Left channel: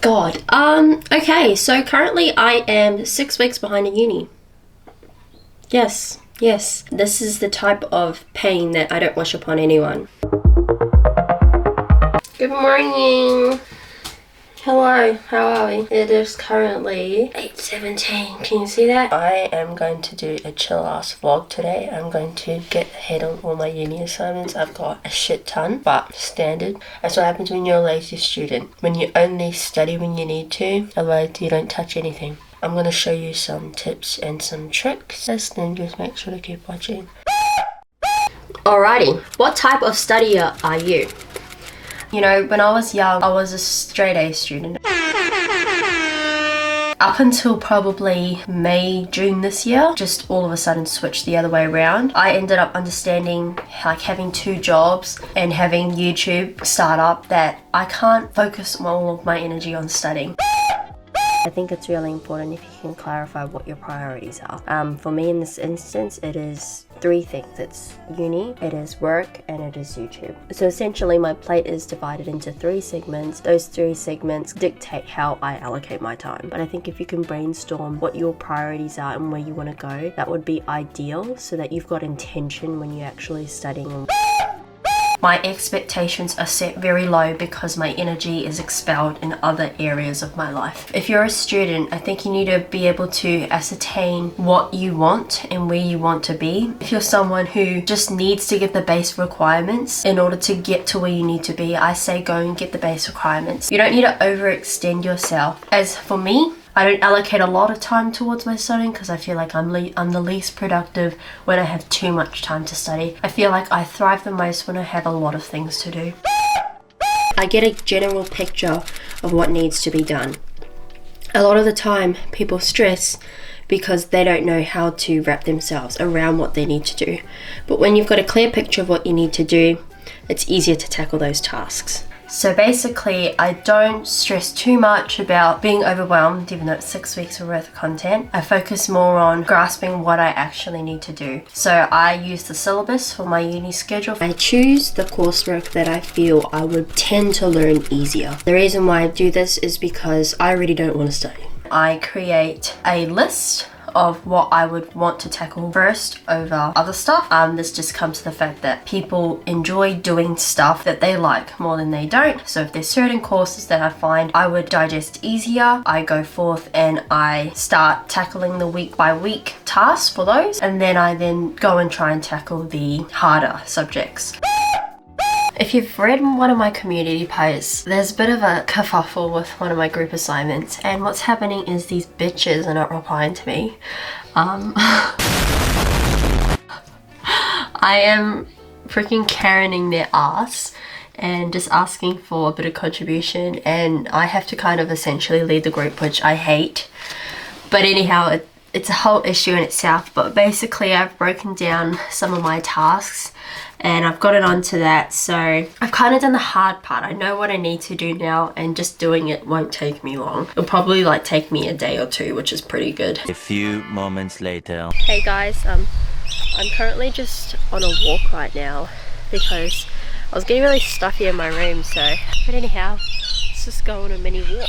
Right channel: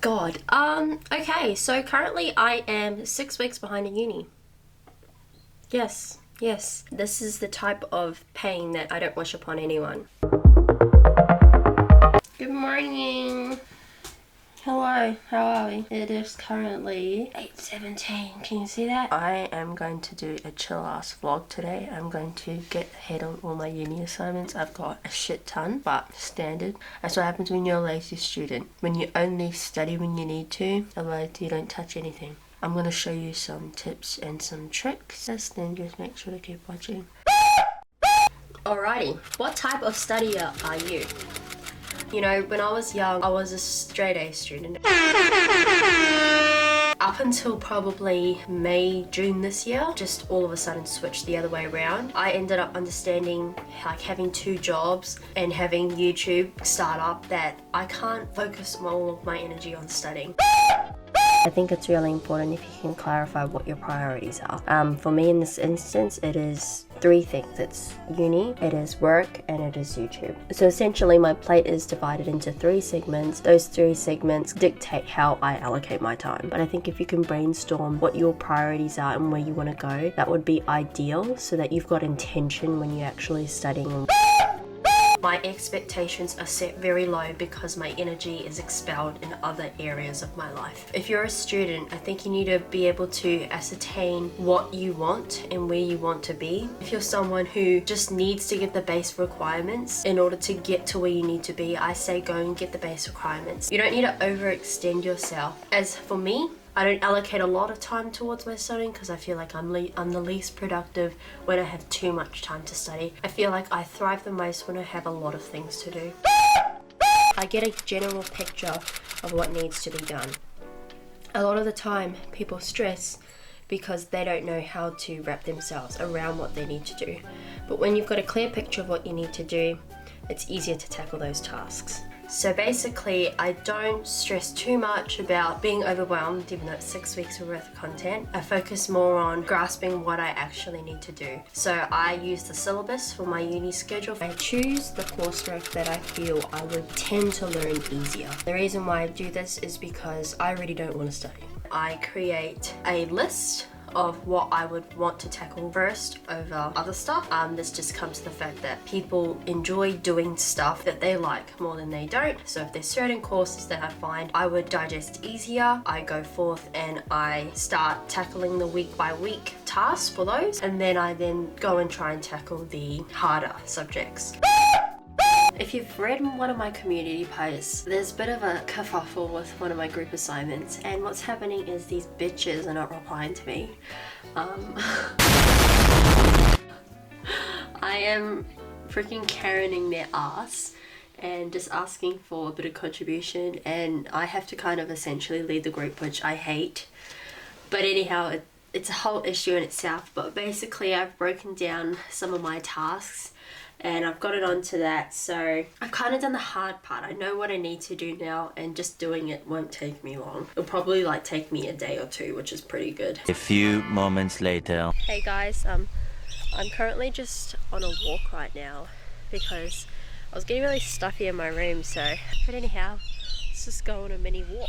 God. Okay, so currently I am 6 weeks behind in uni. Yes. This is the type of pain that I don't wish upon anyone. Good morning. Hello, how are we? It is currently 8:17. Can you see that? I am going to do a chill ass vlog today. I'm going to get ahead on all my uni assignments. I've got a shit ton, but standard. That's what happens when you're a lazy student. When you only study when you need to, otherwise you don't touch anything. I'm going to show you some tips and some tricks. Then just make sure to keep watching. Alrighty, what type of studier are you? You know, when I was young, I was a straight A student. Up until probably May, June this year, just all of a sudden switched the other way around. I ended up understanding, like, having 2 jobs and having YouTube startup, that I can't focus all of my energy on studying. I think it's really important if you can clarify what your priorities are. For me in this instance, it is 3 things. It's uni, it is work, and it is YouTube. So essentially my plate is divided into 3 segments. Those 3 segments dictate how I allocate my time. But I think if you can brainstorm what your priorities are and where you want to go, that would be ideal so that you've got intention when you're actually studying. My expectations are set very low because my energy is expelled in other areas of my life. If you're a student, I think you need to be able to ascertain what you want and where you want to be. If you're someone who just needs to get the base requirements in order to get to where you need to be, I say go and get the base requirements. You don't need to overextend yourself. As for me, I don't allocate a lot of time towards my studying because I feel like I'm the least productive when I have too much time to study. I feel like I thrive the most when I have a lot of things to do. I get a general picture of what needs to be done. A lot of the time people stress because they don't know how to wrap themselves around what they need to do. But when you've got a clear picture of what you need to do, it's easier to tackle those tasks. So basically, I don't stress too much about being overwhelmed, even though it's 6 weeks worth of content. I focus more on grasping what I actually need to do. So I use the syllabus for my uni schedule. I choose the coursework that I feel I would tend to learn easier. The reason why I do this is because I really don't want to study. I create a list of what I would want to tackle first over other stuff. This just comes to the fact that people enjoy doing stuff that they like more than they don't. So if there's certain courses that I find I would digest easier, I go forth and I start tackling the week by week tasks for those, and then I go and try and tackle the harder subjects. If you've read one of my community posts, there's a bit of a kerfuffle with one of my group assignments, and what's happening is these bitches are not replying to me. I am freaking Karening their ass and just asking for a bit of contribution, and I have to kind of essentially lead the group, which I hate. But anyhow, it's a whole issue in itself. But basically I've broken down some of my tasks and I've got it onto that, so I've kind of done the hard part. I know what I need to do now, and just doing it won't take me long. It'll probably take me a day or 2, which is pretty good. A few moments later. Hey guys, I'm currently just on a walk right now because I was getting really stuffy in my room, but anyhow, let's just go on a mini walk.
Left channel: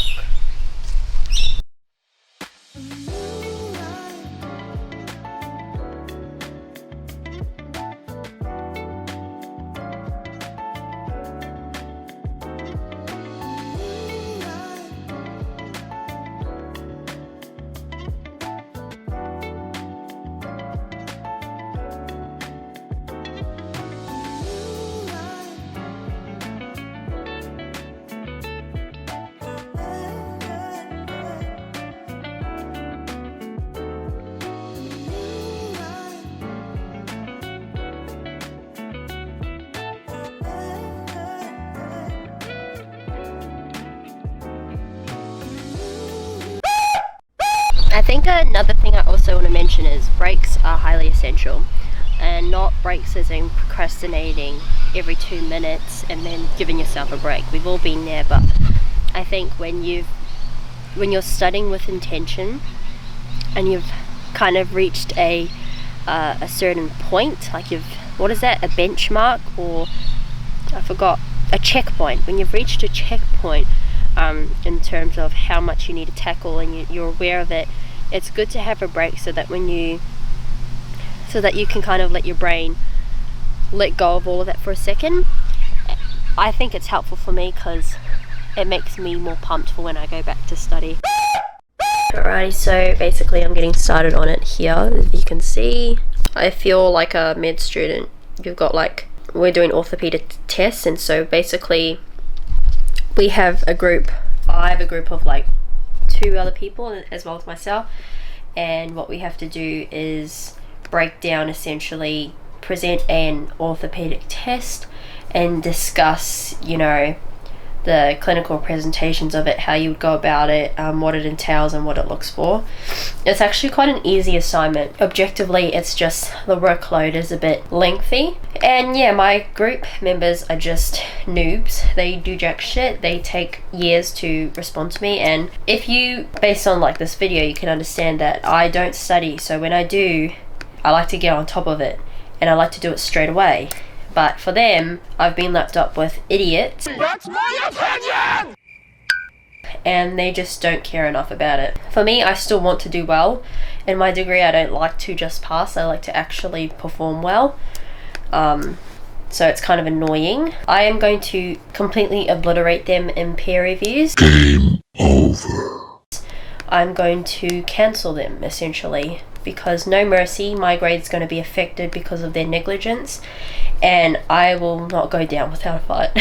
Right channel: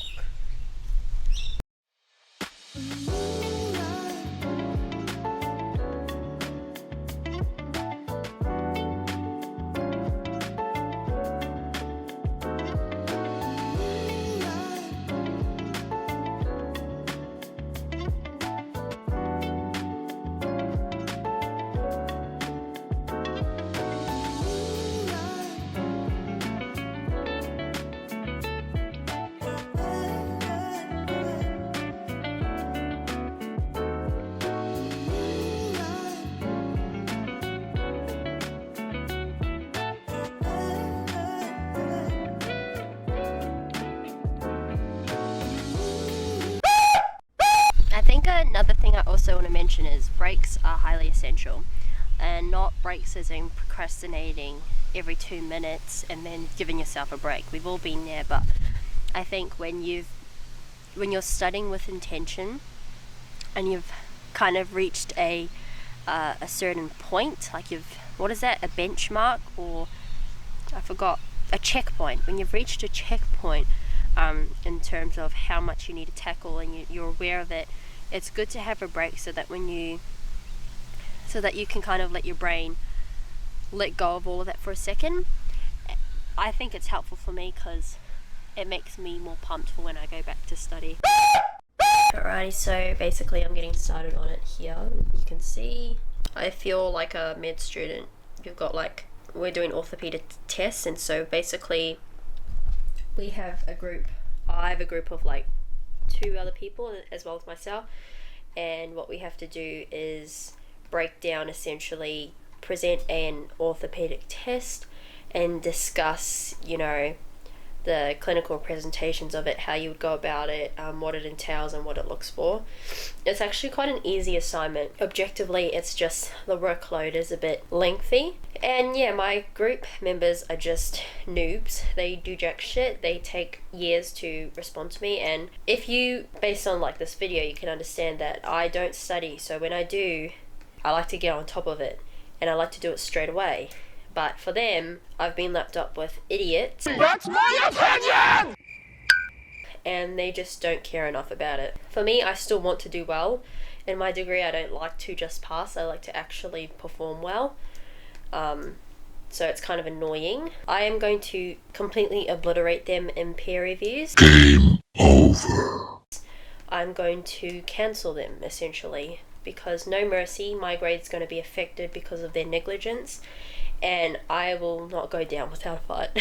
I think another thing I also want to mention is breaks are highly essential, and not breaks as in procrastinating every 2 minutes and then giving yourself a break. We've all been there, but I think when you're studying with intention and you've kind of reached a certain point, like what is that, a benchmark, or I forgot, a checkpoint. When you've reached a checkpoint in terms of how much you need to tackle, and you're aware of it. It's good to have a break so that you can kind of let your brain let go of all of that for a second. I think it's helpful for me because it makes me more pumped for when I go back to study. Alrighty, so basically I'm getting started on it here. As you can see, I feel like a med student. You've got we're doing orthopedic tests, and so basically I have a group of 2 other people as well as myself, and what we have to do is break down, essentially present an orthopedic test and discuss, the clinical presentations of it, how you would go about it, what it entails and what it looks for. It's actually quite an easy assignment. Objectively, it's just the workload is a bit lengthy. And yeah, my group members are just noobs. They do jack shit. They take years to respond to me, and if you, based on this video, you can understand that I don't study. So when I do, I like to get on top of it, and I like to do it straight away. But for them, I've been lapped up with idiots. That's my opinion! And they just don't care enough about it. For me, I still want to do well. In my degree, I don't like to just pass. I like to actually perform well. So it's kind of annoying. I am going to completely obliterate them in peer reviews. Game over. I'm going to cancel them, essentially, because no mercy, my grade's going to be affected because of their negligence. And I will not go down without a fight.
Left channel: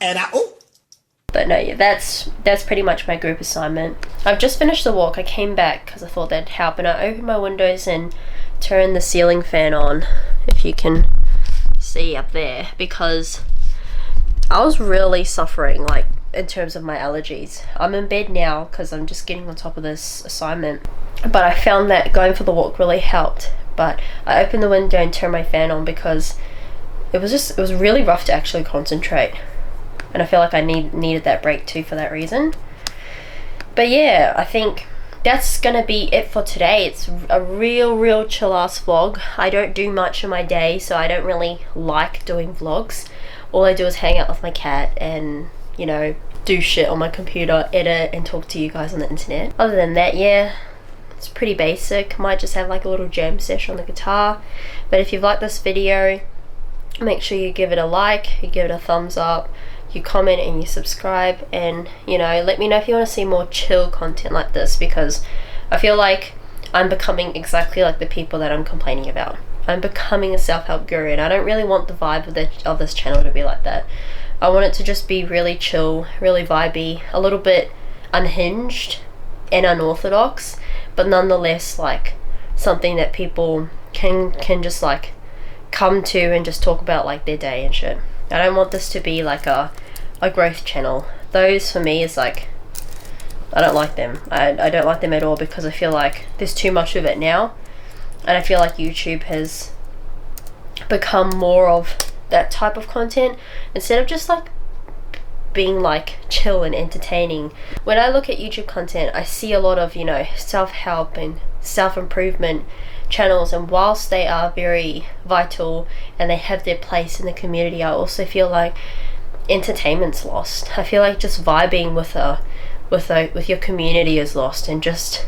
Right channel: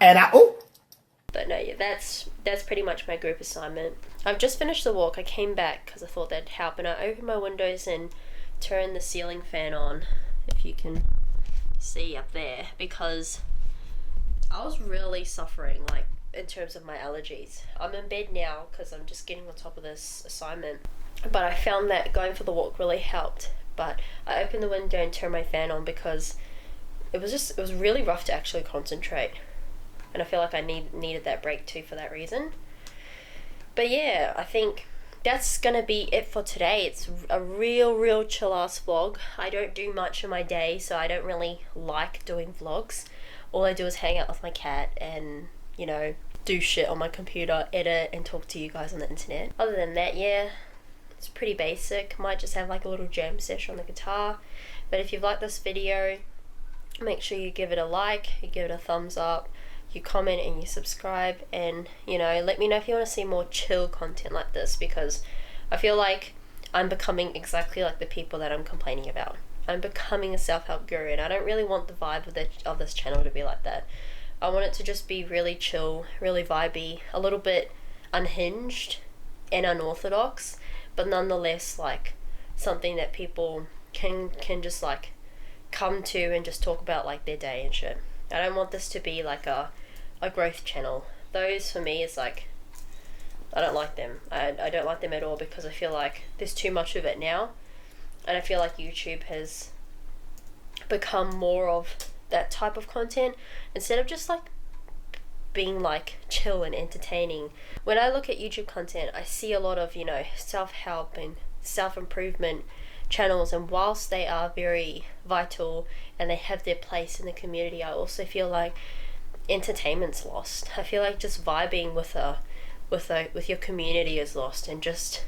But no, yeah, that's pretty much my group assignment. I've just finished the walk. I came back because I thought that'd help, and I opened my windows and turned the ceiling fan on, if you can see up there, because I was really suffering, in terms of my allergies. I'm in bed now because I'm just getting on top of this assignment, but I found that going for the walk really helped. But I opened the window and turned my fan on because it was really rough to actually concentrate, and I feel like I needed that break too for that reason. But yeah, I think that's gonna be it for today. It's a real chill ass vlog. I don't do much in my day, so I don't really like doing vlogs. All I do is hang out with my cat and do shit on my computer, edit and talk to you guys on the internet. Other than that, yeah, it's pretty basic. Might just have a little jam session on the guitar. But if you've liked this video, make sure you give it a like, you give it a thumbs up, you comment and you subscribe, and let me know if you want to see more chill content like this, because I feel like I'm becoming exactly like the people that I'm complaining about. I'm becoming a self-help guru, and I don't really want the vibe of this channel to be like that. I want it to just be really chill, really vibey, a little bit unhinged and unorthodox, but nonetheless something that people can just come to and just talk about their day and shit. I don't want this to be a growth channel. Those for me is I don't like them. I don't like them at all, because I feel like there's too much of it now, and I feel like YouTube has become more of that type of content instead of just being chill and entertaining. When I look at YouTube content, I see a lot of self-help and self-improvement channels, and whilst they are very vital and they have their place in the community, I also feel like entertainment's lost. I feel like just vibing with your community is lost, and just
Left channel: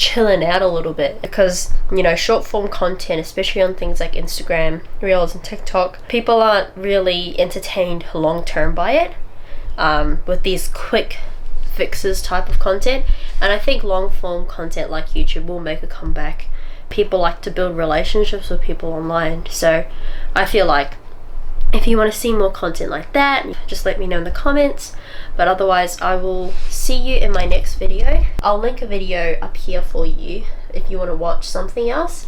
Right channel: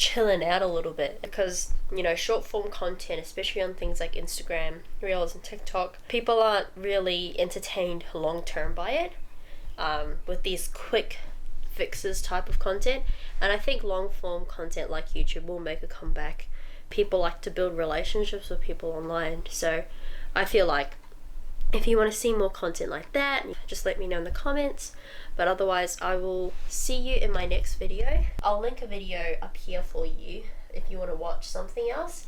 chilling out a little bit, because short form content, especially on things like Instagram Reels and TikTok, people aren't really entertained long term by it, with these quick fixes type of content. And I think long form content like YouTube will make a comeback. People like to build relationships with people online, so I feel like if you want to see more content like that, just let me know in the comments. But otherwise, I will see you in my next video. I'll link a video up here for you if you want to watch something else.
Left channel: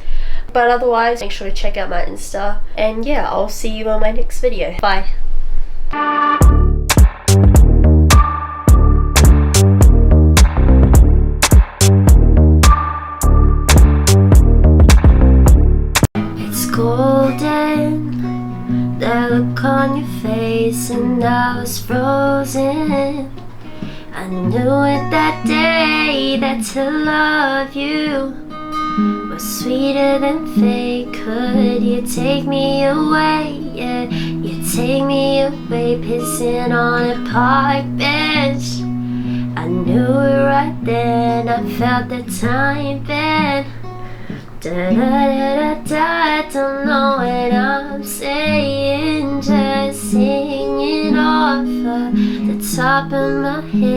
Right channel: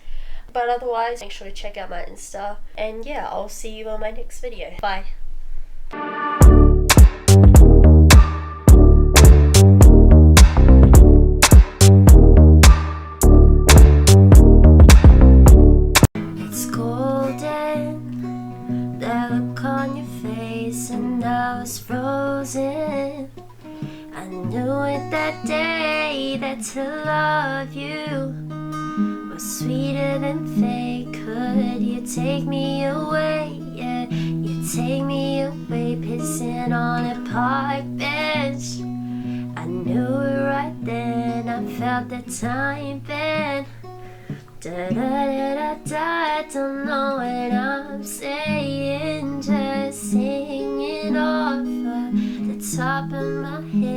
But otherwise, make sure to check out my Insta, and yeah, I'll see you on my next video. Bye. Look on your face and I was frozen. I knew it that day that to love you was sweeter than fate. Could you take me away? Yeah, you take me away, pissing on a park bench. I knew it right then, I felt the time then. Da da da da da, don't know what I'm saying, just singing off of the top of my head.